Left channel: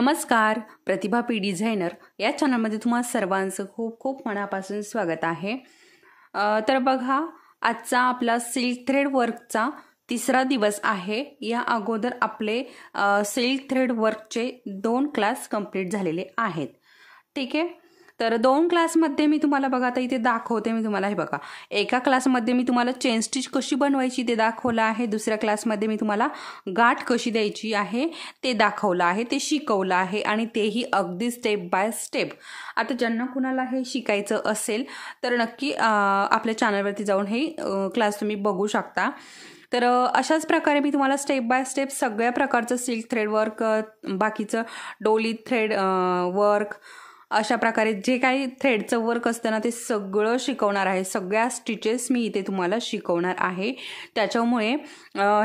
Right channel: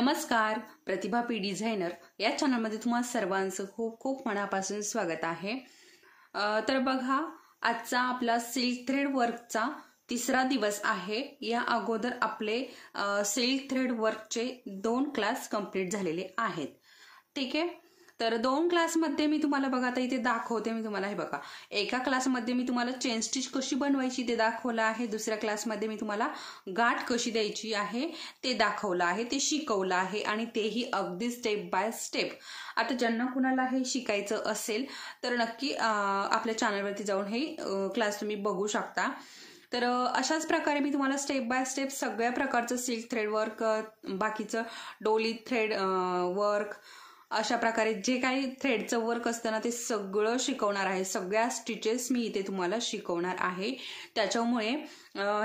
नमस्कार, प्रतिभा P designer या चॅनलमध्ये तुम्हा सर्वांचं खूप खूप मनापासून स्वागत आहे। तर बघा, आजचा आपला सिल्क थ्रेड वर्कचा तिसरा दिवस आहे। या अगोदर आपले सिल्क थ्रेड वर्कचे 2 क्लास कंप्लीट झालेले आहेत। ठीक आहे, तर 2 क्लासमध्ये मी तुम्हाला बघा आता इथे दाखवते मी तुम्हाला। हे बघा, एका क्लासमध्ये मी तुम्हाला चेन स्टिच कशी बनवायची ते दाखवलं आहे, दुसऱ्या क्लासमध्ये मी तुम्हाला गाठ कशी द्यायची आहे ते दाखवलं आहे, ते शिकवलं आहे आणि तेही अगदी स्टेप बाय स्टेप। आता ज्यांना कुणाला हे शिकायचं असेल तर नक्की आपल्या चॅनलवरती जाऊन हे क्लास तुम्ही बघू शकता। तर अशाच प्रकारे मी तुम्हाला स्टेप बाय स्टेप सगळ्या प्रकारचं सिल्क थ्रेड वर्क, बाकीचं डोली थ्रेड वर्क, अशा प्रकारे जे काही थ्रेडचं वर्क असतं ना ते सगळं शिकवणार आहे। सगळ्या स्टिचेस मी इथे तुम्हाला शिकवणार आहे। त्याच्यामुळे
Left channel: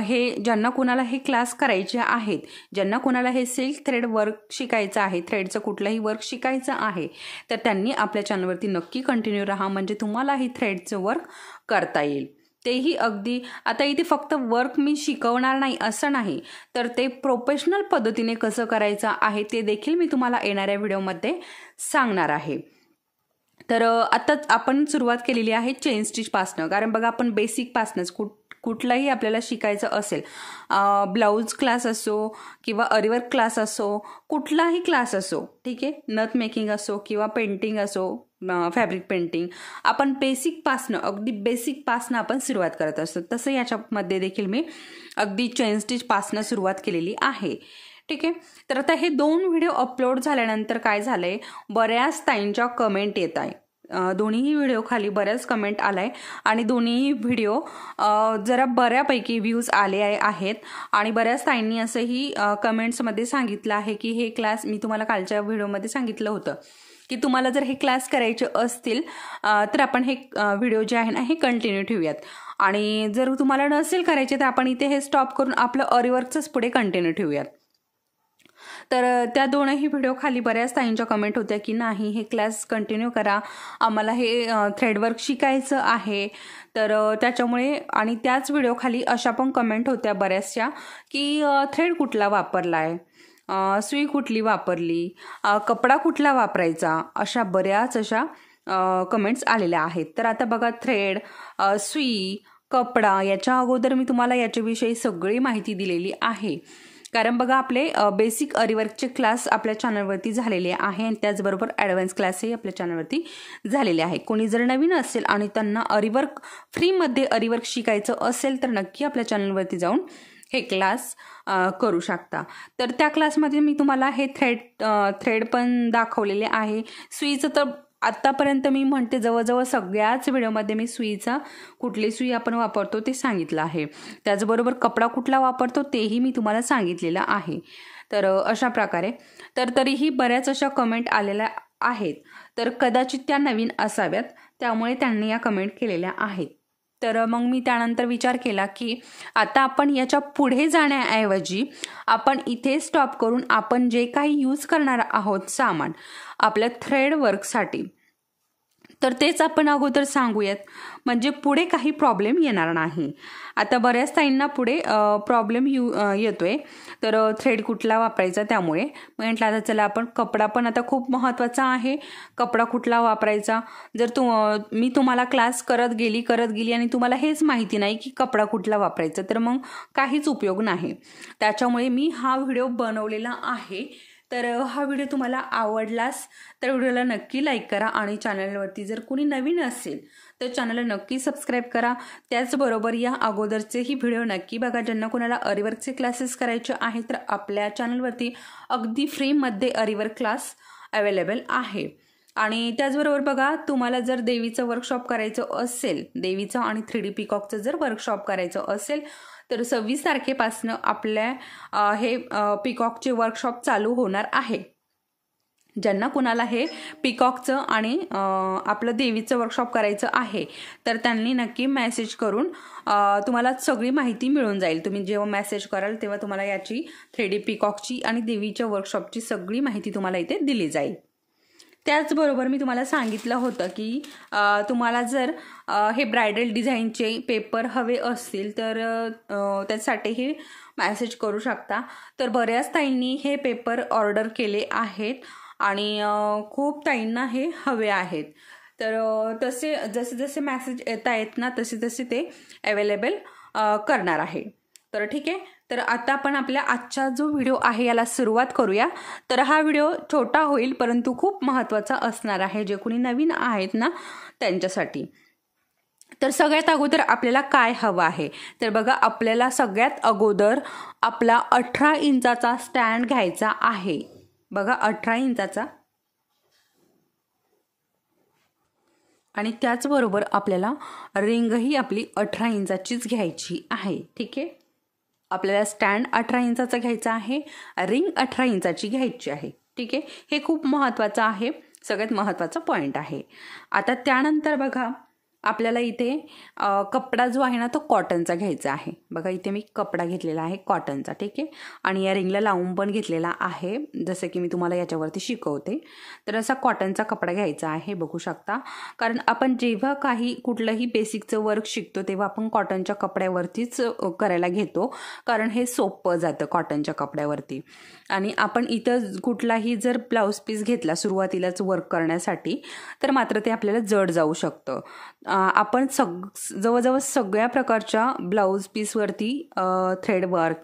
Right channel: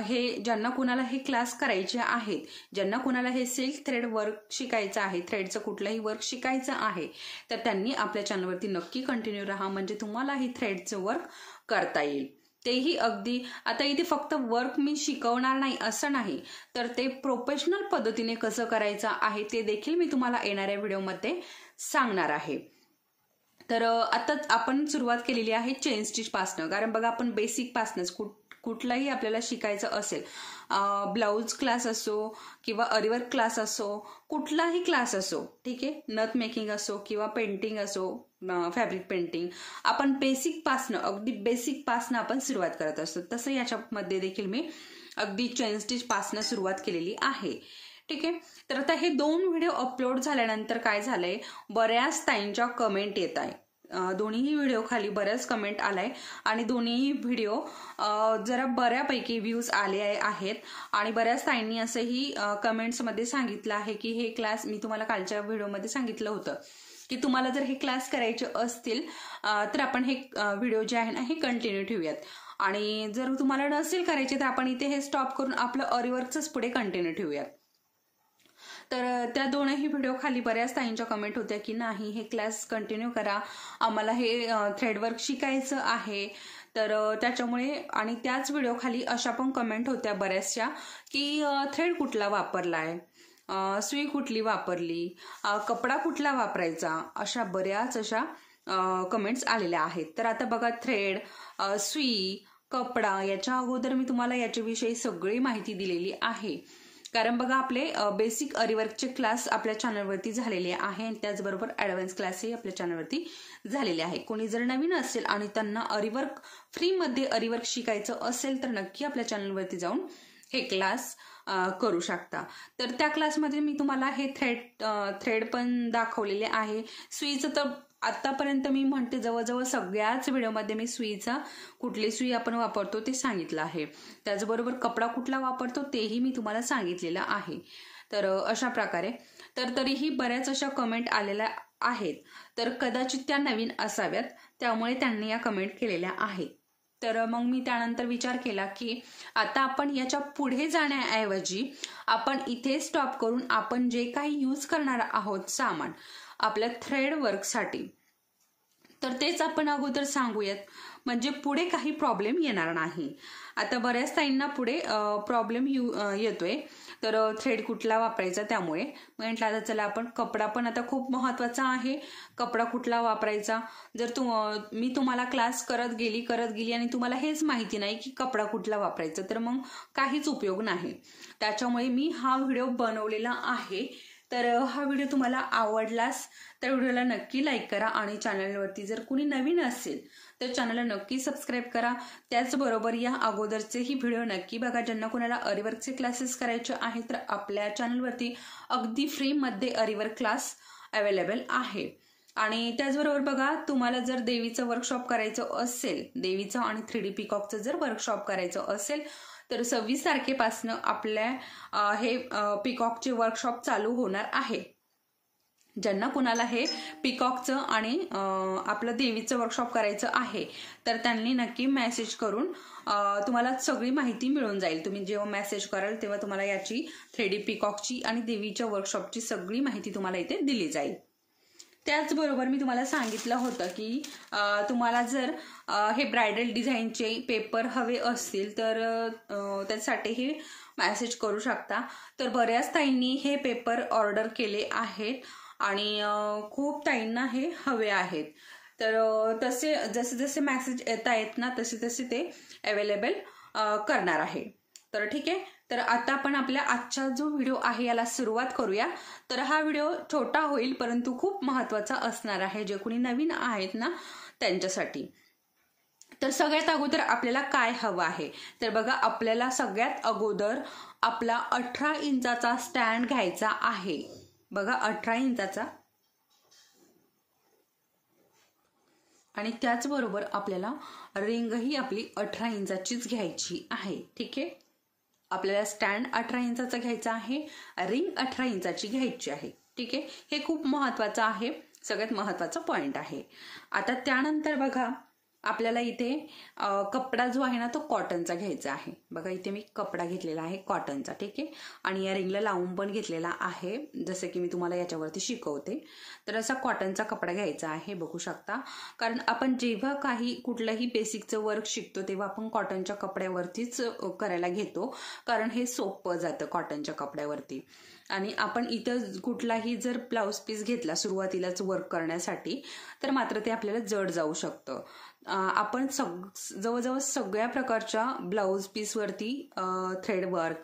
हे ज्यांना कुणाला हे क्लास करायचे आहेत, ज्यांना कुणाला हे सिल्क थ्रेड वर्क शिकायचं आहे, थ्रेडचं कुठलंही वर्क शिकायचं आहे, तर त्यांनी आपल्या चॅनलवरती नक्की कंटिन्यू राहा, म्हणजे तुम्हाला हे थ्रेडचं वर्क करता येईल। तेही अगदी आता इथे फक्त वर्क मी शिकवणार नाही असं नाही, तर ते प्रोफेशनल पद्धतीने कसं करायचं आहे ते देखील मी तुम्हाला येणाऱ्या व्हिडिओमध्ये सांगणार आहे। तर आताच आपण सुरुवात केलेली आहे चेन स्टिच पासनं, कारण बघा आपण बेसिक पासनंच कुठलाही आपल्याला शिकायचं असेल, ब्लाउज क्लास असो किंवा अरीवर्क क्लास असो, कुठलाही क्लास असो, ठीक आहे, नथ मेकिंग असो किंवा पेंटिंग असो, फॅब्रिक पेंटिंग, आपण बेसिक पासनं, अगदी बेसिक पासनं आपण सुरुवात करत असतो। तसं याच्यामध्ये देखील मी अगदी चेन स्टिच पासनं सुरुवात केलेली आहे। ठीक आहे, तर आता हे 2 व्हिडिओ अपलोड झाल्यानंतर काय झालंय, बऱ्याच ताईंच्या कमेंट येत आहे। दोन्ही व्हिडिओ खाली बऱ्याच कमेंट आलाय आणि दोन्ही व्हिडिओ जरा बऱ्यापैकी व्ह्यूज आले आहेत आणि बऱ्याच ताईंनी असंही कमेंट्समध्ये सांगितलं आहे की हे क्लास मी तुम्हाला कालच्या व्हिडिओमध्ये सांगितलं होतं की तुम्हाला जर हे क्लास करायचे असतील तर आपण हे व्हिडिओ जे आहे ना हे कंटिन्यू ठेवूयात, आणि जर तुम्हाला नसेल करायचे तर आपण इथे हे स्टॉप करून आपलं अरीवर्कचंच पुढे कंटिन्यू ठेवूयात। तर त्या दोनही व्हिडिओ खाली बऱ्याच ताईंच्या कमेंट होत्या की नाही हे क्लास कंटिन्यू करा, आम्हाला हे थ्रेडवर्क शिकायचं आहे। तर त्याच्यामुळे, आणि त्याच व्हिडिओ खाली अशा पण कमेंट होत्या बऱ्याचशा की थ्रेड कुठला वापरलाय, सुई कुठली वापरली, कपडा कुठला वापरायचा, अशा बऱ्याच अशा कमेंट्स आलेल्या आहेत। तर आता बघा, थ्रेड, सुई, कपडा याच्या अगोदर मी तुम्हाला याच्याविषयी सगळी माहिती दिलेली आहे, कारण बघा आपले बेसिक अरीवर्कचे क्लास आपल्या चॅनलवरती झालेले आहे आणि त्याचबरोबर ॲडव्हान्स क्लासही आपल्या चॅनलवरती झालेले आहे। कोणी जर नवीन असेल आणि त्यांना अरीवर्क फ्रीमध्ये अरीवर्क शिकायचं असेल तर नक्की आपल्या चॅनलवरती जाऊन हे क्लास करू शकता। तर त्या क्लासमध्ये मी तुम्हाला हे थ्रेड पण दाखवलेले आहे। सुईचं तर आतापर्यंत मी म्हणते जवळजवळ सगळ्याच व्हिडिओमध्ये मी सुईचा कुठली सुई आपण वापरतो ते सांगितलं आहे, त्याचबरोबर कपडा कुठला वापरतो तेही मी तुम्हाला सांगितलेलं आहे। तर अशा प्रकारे, तर तरीही बऱ्याच अशा कमेंट आलेल्या आहेत, तर कदाचित त्या नवीन असाव्यात, त्यामुळे त्यांनी या कमेंट केलेल्या आहेत। तर मग मी त्यानंतर विचार केला की आता आपण याच्या पुढे जाण्याऐवजी आपण इथे स्टॉप करून आपण जे काही यूज करणार आहोत सामान आपल्या थ्रेड वर्कसाठी, तर तेच आपण अगोदर सांगूयात, म्हणजे पुढे काही प्रॉब्लेम येणार नाही। आता बऱ्याच ताईंना पुढे प्रॉब्लेम येतोय, तर थ्रेड कुठला वापरायचा, त्यामुळे म्हटलं आता चला आपण कपडा पण आता खूप महत्त्वाचा आहे, कपडा कुठला वापरायचा। जर मी तुम्हाला क्लास करत गेली आणि तुम्हाला हेच माहिती नाही की कपडा कुठला वापरायचा, तर मग काहीच उपयोग नाही। त्याच्यामुळे मी हा व्हिडिओ बनवलेला आहे। तर हा व्हिडिओ तुम्हाला आवडलास तर व्हिडिओला नक्की लाईक करा, आणि चॅनलवरती जर कुणी नवीन असेल तर चॅनलला नक्की सबस्क्राईब करा। त्याचबरोबर या अगोदरचेही व्हिडिओ नक्की बघा। ज्यांना कुणाला अरीवर्कचे क्लासेस करायचे आहेत तर आपल्या चॅनलवरती अगदी फ्रीमध्ये अरीवर्क क्लास अवेलेबल आहे। आणि त्याचबरोबर बघा, तुम्हाला जर देवीचं वर्कशॉप करायचं असेल, देवीचं आणि 3D पिकॉकचं जर वर्कशॉप करायचं असेल तर 26 तारखेपासून आपल्या हे पिकॉकचे वर्कशॉप चालू होणार आहे। ज्यांना कुणाला हे पिकॉकचं आणि आपलं देवीचं वर्कशॉप करायचं आहे तर त्यांनी नक्की मेसेज करून तुम्हाला सगळी माहिती मिळून जाईल। तुम्ही जेव्हा मेसेज कराल तेव्हा तुम्हाला याची 3D पिकॉकची आणि देवीच्या वर्कशॉपची सगळी माहिती तुम्हाला इथे दिली जाईल। त्याचबरोबर मी तुम्हाला सांगितलं होतं की तुम्हाला जर हे ब्रायडल डिझाईनचे पेपर हवे असतील तर त्यासाठी मेसेज करू शकता. तर बऱ्याच ताईंनी हे पेपर ऑर्डर केले आहेत आणि खूप ताईंना हे हवे आहेत. तर तसे जसे जसे मेसेज येत आहेत ना तसे तसे ते अवेलेबल करणार आहे. तर ठीक आहे. तर आता आपण आपल्या आजचा जो व्हिडिओ आहे याला सुरुवात करूया. तर हा व्हिडिओ छोटा होईल परंतु खूप महत्त्वाचा असणार आहे जे कोणी नवीन आहेत ना त्यांच्यासाठी. तर सगळ्यात अगोदर आपल्याला काय हवं आहे तर बघा, आपल्याला सगळ्यात अगोदर आपला 18 इंचाचा स्टँड घ्यायचा आहे. बघा 18 इंचाचा, आणि त्याचबरोबर आपल्याला रिंगही आपली 18 इंचाचीच घ्यायची आहे. ठीक आहे. आपल्याला स्टँड 18 इंचाचा घ्यायचा आहे, रिंग 18 इंचाची घ्यायची आहे. ठीक आहे. हे खूप महत्त्वाचं आहे, सगळ्यात महत्त्वाचा पॉईंट आहे. आता त्यानंतर बघा, आपल्याला इथे कपडा जो आहे ना तो कॉटनचा घ्यायचा आहे. बघा इथे मी कपडा घेतलेला आहे कॉटनचा. ठीक आहे. आणि या रिंगला लावून पण घेतलेला आहे, जसं की मी तुम्हाला याच्यावरती शिकवते. तर असा कॉटनचा कपडा घ्यायचा आहे, बघू शकता. कारण आपण जेव्हा कुठलंही बेसिकचं वर्क शिकतो तेव्हा आपण कॉटनच्या कपड्यावरतीच करायला घेतो, कारण हे सोपं जातं कॉटनच्या कपड्यावरती. आणि आपण इथं कुठलाही जर ब्लाऊज पीस घेतला सुरुवातीलाच वर्क करण्यासाठी तर मात्र ते आपल्याला जड जाऊ शकतं. आपण जवळजवळ सगळ्या प्रकारच्या ब्लाऊज पीसवरती थ्रेड वर्क,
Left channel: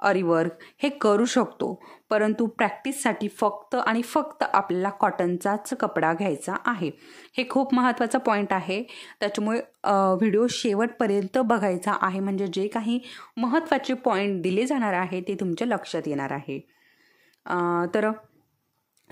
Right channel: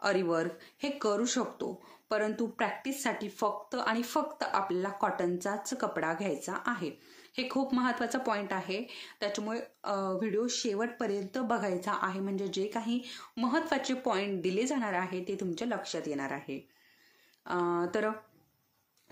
अरी वर्क हे करू शकतो, परंतु प्रॅक्टिससाठी फक्त आणि फक्त आपल्याला कॉटनचाच कपडा घ्यायचा आहे. हे खूप महत्त्वाचा पॉईंट आहे, त्याच्यामुळे व्हिडिओ शेवटपर्यंत बघायचा आहे, म्हणजे जे काही महत्त्वाचे पॉईंट दिले जाणार आहे ते तुमच्या लक्षात येणार आहे. तर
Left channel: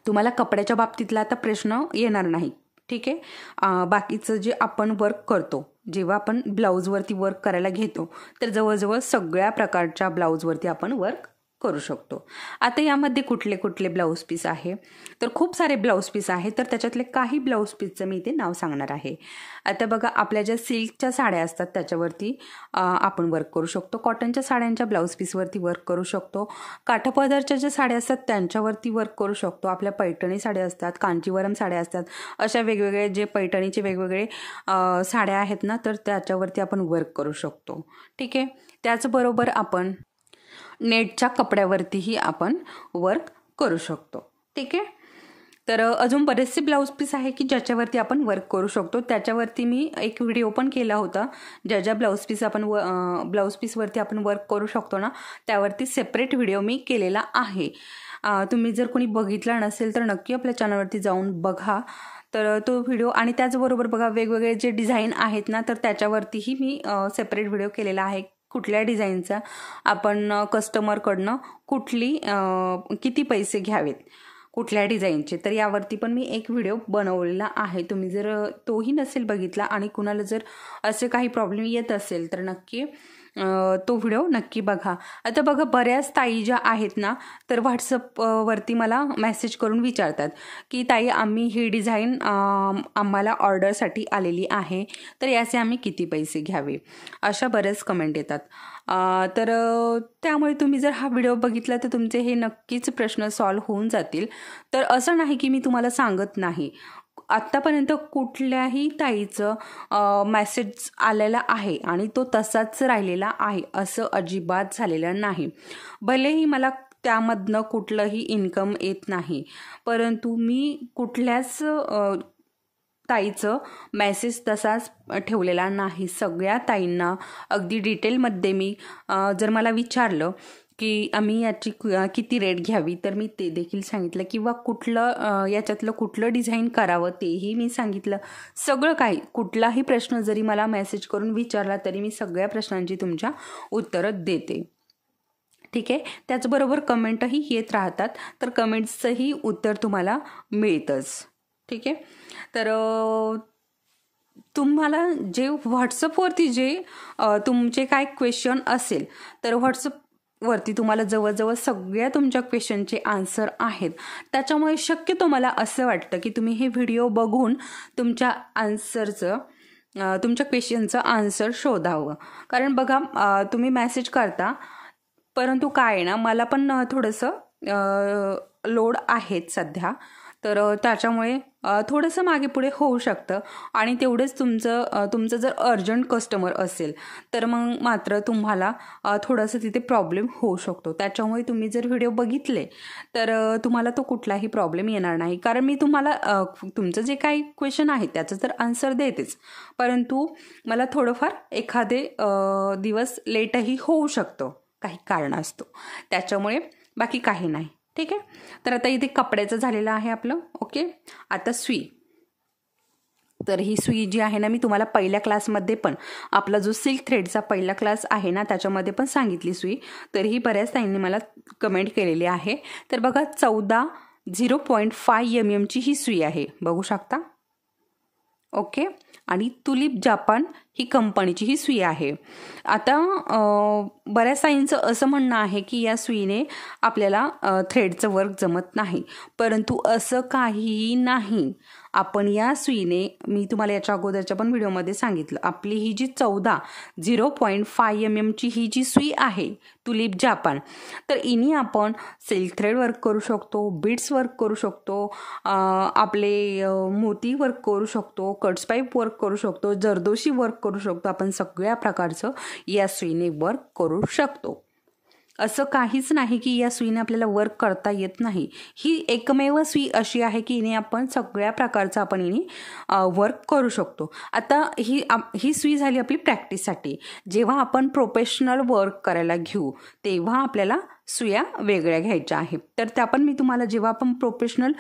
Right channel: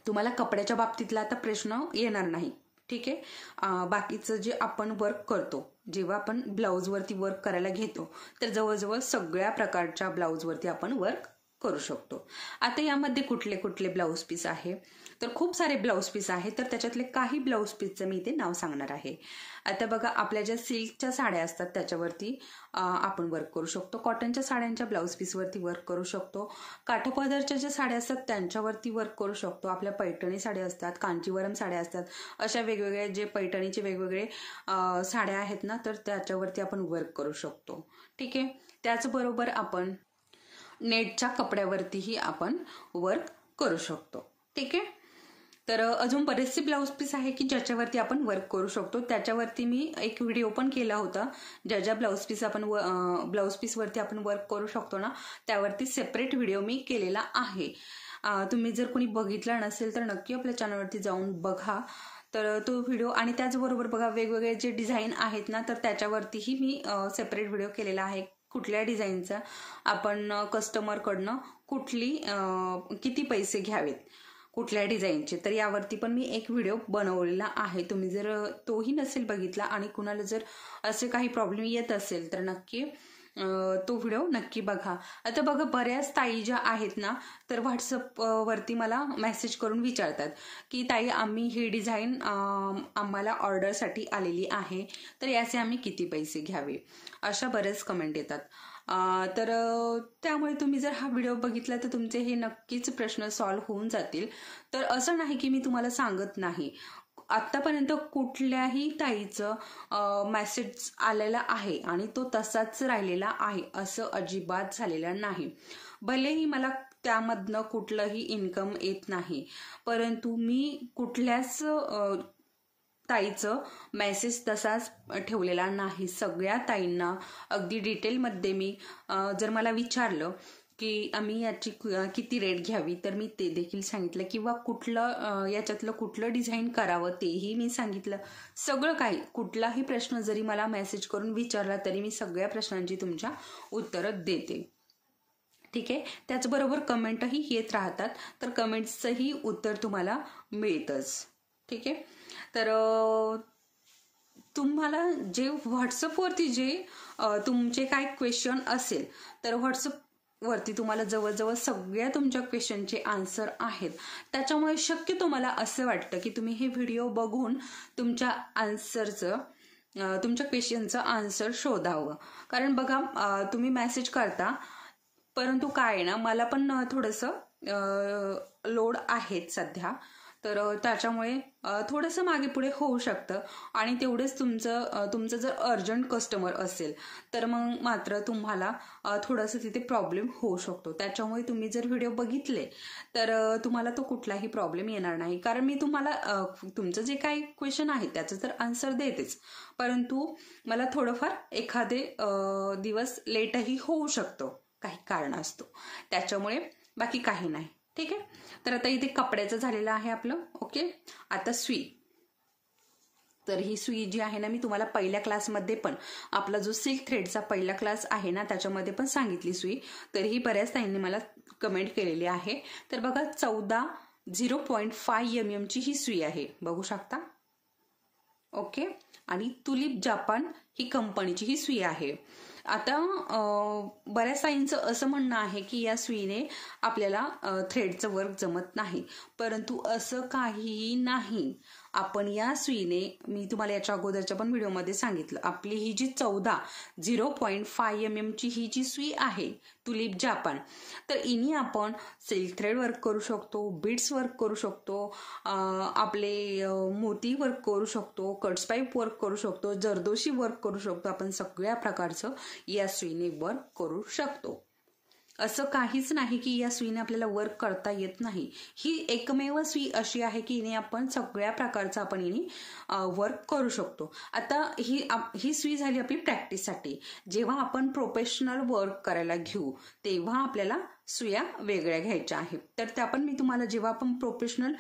तुम्हाला कपड्याच्या बाबतीतला आता प्रश्न येणार नाही. ठीक आहे. बाकीचं जे आपण वर्क करतो, जेव्हा आपण ब्लाऊजवरती वर्क करायला घेतो तर जवळजवळ सगळ्या प्रकारच्या ब्लाऊजवरती आपण वर्क करू शकतो. आता यामध्ये कुठले कुठले ब्लाऊज पीस आहे तर खूप सारे ब्लाऊज पीस आहे, तर त्याच्यातले काही ब्लाऊज पीसचं मी इथे नाव सांगणार आहे. आता बघा, आपल्या ज्या सिल्कच्या साड्या असतात त्याच्यावरती आपण वर्क करू शकतो, कॉटनच्या साड्यांच्या ब्लाऊज पीसवरती वर्क करू शकतो, काठापदरच्या ज्या साड्या असतात त्यांच्यावरती वर्क करू शकतो, आपल्या पैठणी साड्या असतात, कांजीवरम साड्या असतात, अशा वेगवेगळे जे पैठणीचे वेगवेगळे साड्या आहेत ना तर त्याच्यावरती आपण वर्क करू शकतो. ठीक आहे. त्याचबरोबर आपण नेटच्या कपड्यावरतीही आपण वर्क करू शकतो. ठीक आहे. तर अजून बरेचसे ब्लाऊज पीस आहे की ज्याच्यावरती आपण वर्क करू शकतो. त्याच्यावरती मी एक व्हिडिओ पण केला होता, ज्या ब्लाऊज पीसवरती आपण वर्क करू शकतो ना त्यावरती सेपरेट व्हिडिओ मी केलेला आहे. तुम्ही जर कोणी बघितला नसेल तर नक्की आपल्या चॅनलवरती जाऊन बघा. तर तो व्हिडिओ, आणि त्याचबरोबर बघा वेगवेगळे जे डिझाईन आहेत ना तर त्याच्यावरतीही मी सेपरेट व्हिडिओ केलेला आहे. कुठल्या डिझाईनचा आपण कस्टमरकडनं किती पैसे घ्यावेत कुठल्या डिझाईनचे, तर यावरती पण मी एक व्हिडिओ बनवलेला आहे. तुम्ही जर तोही नसेल बघितला आणि कुणाला जर असे काही प्रॉब्लेम येत असेल तर नक्की तो व्हिडिओ नक्की बघा. आता बघा, बऱ्याच ताई ज्या आहेत ना तर व्हॉट्सअपवरती मला मेसेज करून विचारतात की ताई, आम्ही ही डिझाईन आम्हाला ऑर्डरसाठी आलेली आहे, तर याचे आम्ही किती पैसे घ्यावे, अशा बऱ्याच कमेंट येतात. तर त्यामुळे तुम्ही जर हा व्हिडिओ बघितला तर तुमचे हे नक्कीच प्रश्न सॉल्व्ह होऊन जातील. तर असं नाही की मी तुम्हाला सांगत नाही, आत्तापर्यंत कुठल्याही ताईचं मेसेज आलेला आहे आणि तो तसाच राहिलेला आहे असं अजिबात झालेलं नाही. भलेही मला त्यामधनं कुठलंही इन्कम येत नाही, परंतु मी कुठल्याच ताईचं मेसेज तसाच ठेवलेला नाही. सगळ्या ताईंना अगदी डिटेलमध्ये मी जर मला विचारलं की आम्ही याची किती रेट घ्यावी तर मी ते देखील सांगितलं, किंवा याच्यातलं कुठलं डिझाईन करावं तेही मी सांगितलं. सगळं काही, कुठलाही प्रश्न जरी मला मेसेज करून विचारला तरी मी सगळ्या प्रश्नांची तुमच्या उत्तरं देते. ठीक आहे. त्याचबरोबर कमेंटही येत राहतात, तर कमेंट्सचंही उत्तर तुम्हाला मिळतंच. ठीक आहे. तर तुम्हाला जे व्हॉट्सअपवरती जे तुमचे काय क्वेश्चन असेल तर व्हॉट्सअपवरती तुम्हाला जवळजवळ सगळ्या तुमच्या क्वेश्चनचे आन्सर आहेत. त्याच्यामुळे शक्यतो मला असं वाटतं की तुम्ही हे व्हिडिओ बघून तुमच्या क्वेश्चनचं आन्सर शोधावं. कारण बघा, तुम्ही मेसेज करता, परंतु काय आहे ना, मला पण थोडंसं लोड आहेत सध्या, तर त्याच्यामुळे थोडंसं मागे पुढे होऊ शकतं आणि तेवढेच तुमचं जर अर्जंट कस्टमर असेल तर मग मात्र तुम्हाला थोडंसं तिथे प्रॉब्लेम होऊ शकतो. त्याच्यामुळे तुम्ही जर व्हिडिओ बघितले तर तुम्हाला तो कुठलाही प्रॉब्लेम येणार नाही, कारण मी तुम्हाला तुमचं जे काही क्वेश्चन आहे त्याचं तर आन्सर देतेच, परंतु मला थोडंफार एखादे दिवस लेटही होऊ शकतो काही कारणास्तव, त्याच्यामुळे बाकी काही नाही. ठीक आहे. तर आता इथे कपड्याचं झालेलं आहे आपलं. ओके. आता सुई. तर ही सुई जी आहे ना, मी तुम्हाला पहिल्या क्लासमध्ये पण आपला जो सिल्क थ्रेडचा पहिला क्लास आहे ना त्याच्यामध्ये पण सांगितली सुई. तर ही बऱ्याच ताईंनी मला कमेंट केलेली आहे. तर बघा 0.5 mm ची ही सुई आहे, बघू शकता. ओके. आणि तुलिप जापान ही कंपनीची ही सुई आहे. आता बऱ्याच ताईंचं असं म्हणणं आहे की या सुईने आपल्याला थ्रेडचं वर्क जमत नाही, परंतु असं काहीही नाही. आपण या सुईने, मी तुम्हाला याच्या अगोदरच्या पण व्हिडिओमध्ये सांगितलं, आपली ही जी 0.5 mm ची ही जी सुई आहे तुलिप जापान, तर इनी आपण सिल्क थ्रेड वर्क करू शकतो, बीड्स वर्क करू शकतो, आपले मोती वर्क करू शकतो, कट्स पाईप वर्क करू शकतो, जरदोशी वर्क करू शकतो. आपण सगळ्या प्रकारचं या सुईने वर्क करू शकतो. असं काहीच नाही की या सुईने आपल्याला वर्क करता येत नाही. ही एकमेव सुई अशी आहे की हिने आपण सगळ्या प्रकारचं आपण हिने वर्क करू शकतो. आता ही सुई झाली आपली प्रॅक्टिससाठी. जेव्हा आपण प्रोफेशनल वर्क करायला घेऊ तेव्हा आपल्याला सुया वेगळ्या घ्यायच्या आहेत. तर त्या पण मी तुम्हाला, जेव्हा आपण प्रोफेशनल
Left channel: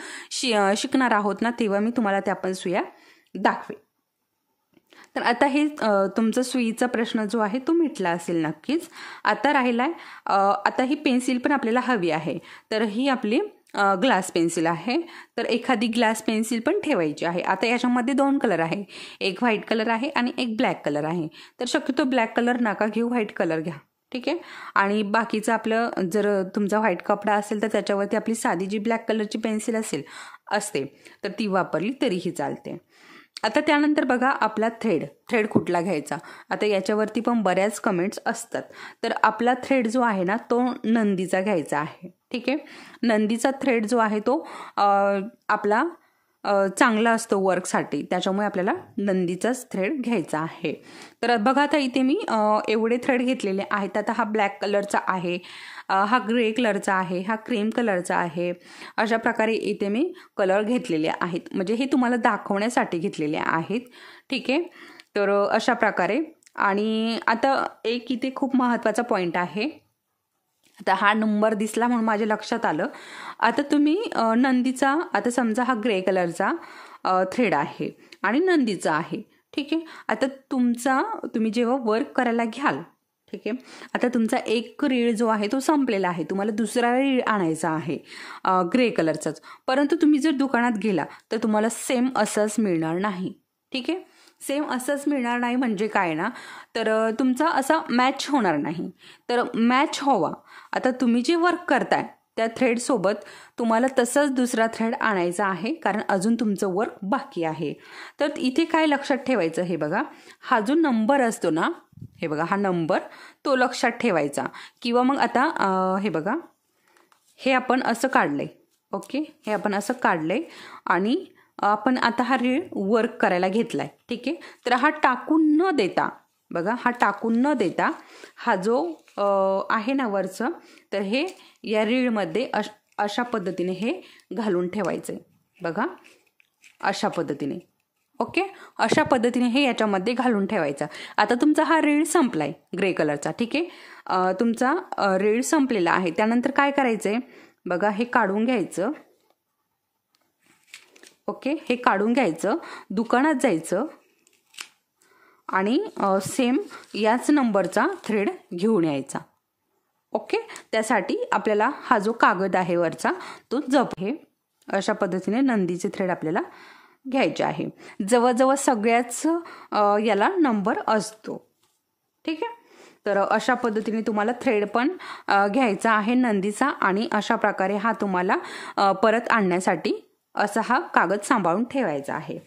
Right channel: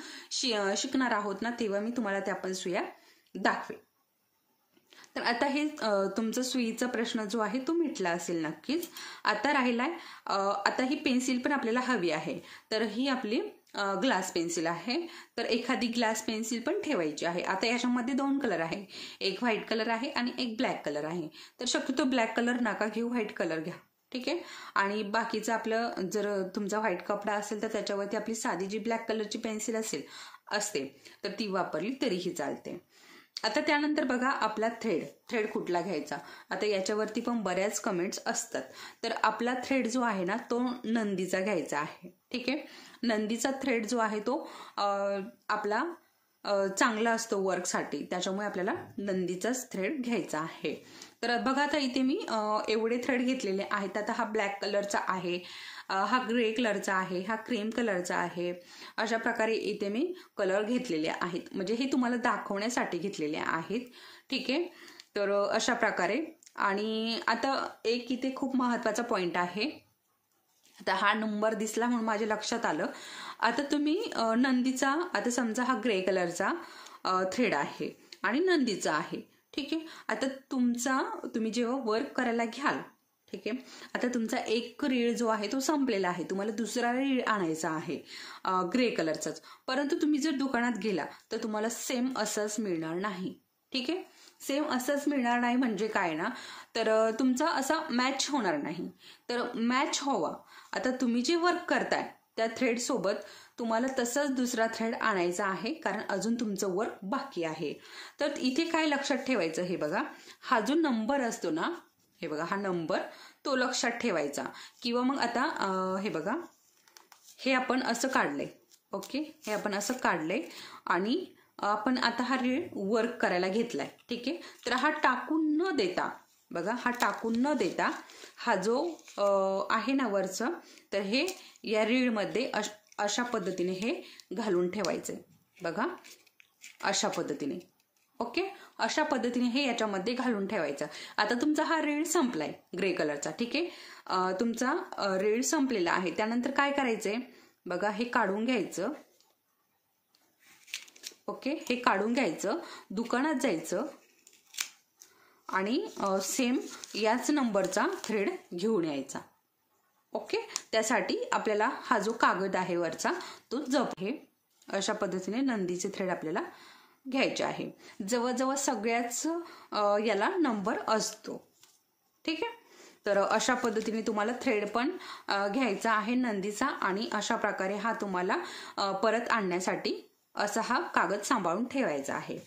शिकणार आहोत ना तेव्हा मी तुम्हाला त्या पण सुया दाखवेन. तर आता हे तुमचा सुईचा प्रश्न जो आहे तो मिटला असेल नक्कीच. आता राहिलाय, आता ही पेन्सिल पण आपल्याला हवी आहे. तर ही आपली ग्लास पेन्सिल आहे. तर एखादी ग्लास पेन्सिल पण ठेवायची आहे. आता याच्यामध्ये 2 कलर आहे, एक व्हाईट कलर आहे आणि एक ब्लॅक कलर आहे. तर शक्यतो ब्लॅक कलर नका घेऊ, व्हाईट कलर घ्या. ठीक आहे. आणि बाकीचं आपलं, जर तुमचा व्हाईट कपडा असेल तर त्याच्यावरती आपली साधी जी ब्लॅक कलरची पेन्सिल असते तर ती वापरली तरीही चालते. आता त्यानंतर बघा आपला थ्रेड कुठला घ्यायचा. आता याच्यावरती पण बऱ्याच कमेंट्स असतात. तर आपला थ्रेड जो आहे ना तो नंदीचा घ्यायचा आहे. ठीक आहे. नंदीचा थ्रेड जो आहे तो आपला चांगला असतो वर्कसाठी, त्याच्यामुळे आपल्याला नंदीचाच थ्रेड घ्यायचा आहे. तर बघा आता इथे मी एवढे थ्रेड घेतलेले आहेत. आता हा ब्लॅक कलरचा आहे, हा ग्रे कलरचा आहे, हा क्रीम कलरचा आहे. अशा प्रकारे इथे मी कलर घेतलेले आहेत, म्हणजे हे तुम्हाला दाखवण्यासाठी घेतलेले आहेत. ठीक आहे. तर अशा प्रकारे. आणि आता एक इथे खूप महत्त्वाचा पॉईंट आहे. आता हा नंबर दिसला म्हणून माझ्या लक्षात आलं. आता तुम्ही नंदीचा, आता समजा हा ग्रे कलरचा थ्रेड आहे आणि नंदीचा आहे. ठीक आहे. आता तुम्ही जेव्हा वर्क करायला घ्याल, ठीक आहे, आता तुमचा एक रीळ जो आहे तो संपलेला आहे, तुम्हाला दुसरा रीळ आणायचा आहे ग्रे कलरचाच, परंतु तुम्ही जर दुकानात गेला तर तुम्हाला सेम असंच मिळणार नाही. ठीक आहे. सेम असंच मिळणार नाही म्हणजे काय ना, तर तुमचा असा मॅच होणार नाही. तर मॅच व्हावा, आता तुम्ही जे वर्क करताय त्या थ्रेड सोबत तुम्हाला तसंच दुसरा थ्रेड आणायचा आहे, कारण अजून तुमचं वर्क बाकी आहे. तर इथे काय लक्षात ठेवायचं, हे बघा, हा जो नंबर असतो ना, हे बघा हा नंबर तो लक्षात ठेवायचा. किंवा मग आता हे बघा, हे आपण असं काढलंय. ओके. हे आपण असं काढलंय आणि आपण आता हा रीळ वर्क करायला घेतलाय. ठीक आहे. तर हा टाकून न देता, बघा हा टाकून न देता हा जो आहे ना वरचं, तर हे या रीळमध्ये अशा पद्धतीने हे घालून ठेवायचंय. बघा अशा पद्धतीने. ओके. अशा पद्धतीने हे याच्यामध्ये घालून ठेवायचं. आता तुमचा हा रीळ संपलाय ग्रे कलरचा. ठीक आहे. तुमचा रीळ संपलेला आहे. त्यानंतर काय करायचंय, बघा हे काढून घ्यायचं. ओके. हे काढून घ्यायचं, दुकानात जायचं आणि सेम याच नंबरचा थ्रेड घेऊन यायचा. ओके. त्यासाठी आपल्याला हा जो कागद आहे वरचा तो हे अशा पद्धतीने नंदीचे थ्रेड आपल्याला घ्यायचे आहे. जवळजवळ सगळ्याच याला नंबर असतो. ठीक आहे. तर अशा पद्धतीने तुम्हाला थ्रेड पण घ्यायचा आहे नंदीचा, आणि अशा प्रकारे हा तुम्हाला परत आणण्यासाठी असा हा कागद सांभाळून ठेवायचा आहे.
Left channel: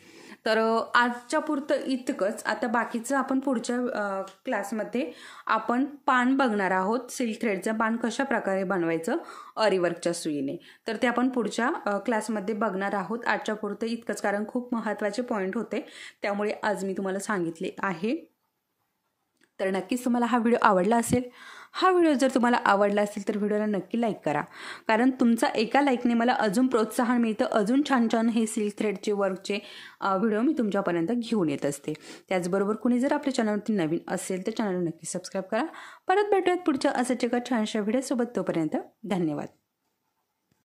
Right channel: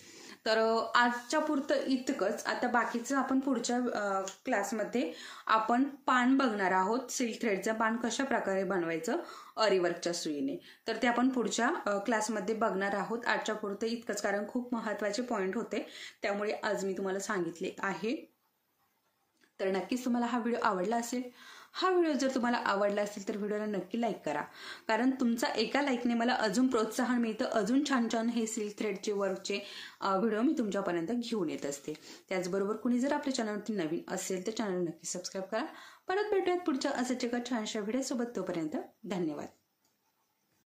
तर आजच्या पुरतं इतकंच. आता बाकीचं आपण पुढच्या क्लासमध्ये आपण पान बघणार आहोत. सिल्क थ्रेडचं पान कशा प्रकारे बनवायचं अरीवर्कच्या सुईने, तर ते आपण पुढच्या क्लासमध्ये बघणार आहोत. आजच्या पुरतं इतकंच, कारण खूप महत्त्वाचे पॉईंट होते त्यामुळे आज मी तुम्हाला सांगितले आहे. तर नक्कीच तुम्हाला हा व्हिडिओ आवडला असेल. हा व्हिडिओ जर तुम्हाला आवडला असेल तर व्हिडिओला नक्की लाईक करा, कारण तुमचा एका लाईकने मला अजून प्रोत्साहन मिळतं. अजून छान छान हे सिल्क थ्रेडचे वर्कचे व्हिडिओ मी तुमच्यापर्यंत घेऊन येत असते. त्याचबरोबर कुणी जर आपल्या चॅनलवरती नवीन असेल तर चॅनल नक्की सबस्क्राईब करा. परत भेटूयात पुढच्या असंच एका छानशा व्हिडिओसोबत. तोपर्यंत धन्यवाद.